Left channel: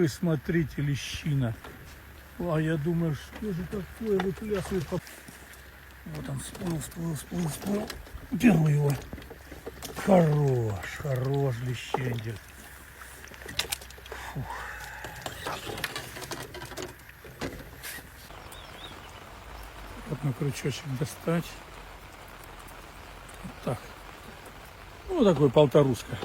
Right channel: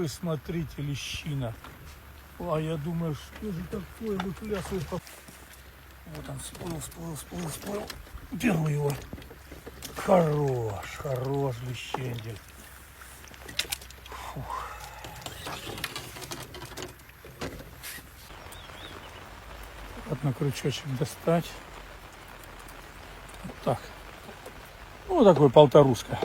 вы смотрите, лещина. А я думаю, что же такое выплясывает. Вот он спал. Где он его? Хорош лещенье. Вот на крючочек достать. Вот так. Ну, такой полторушка.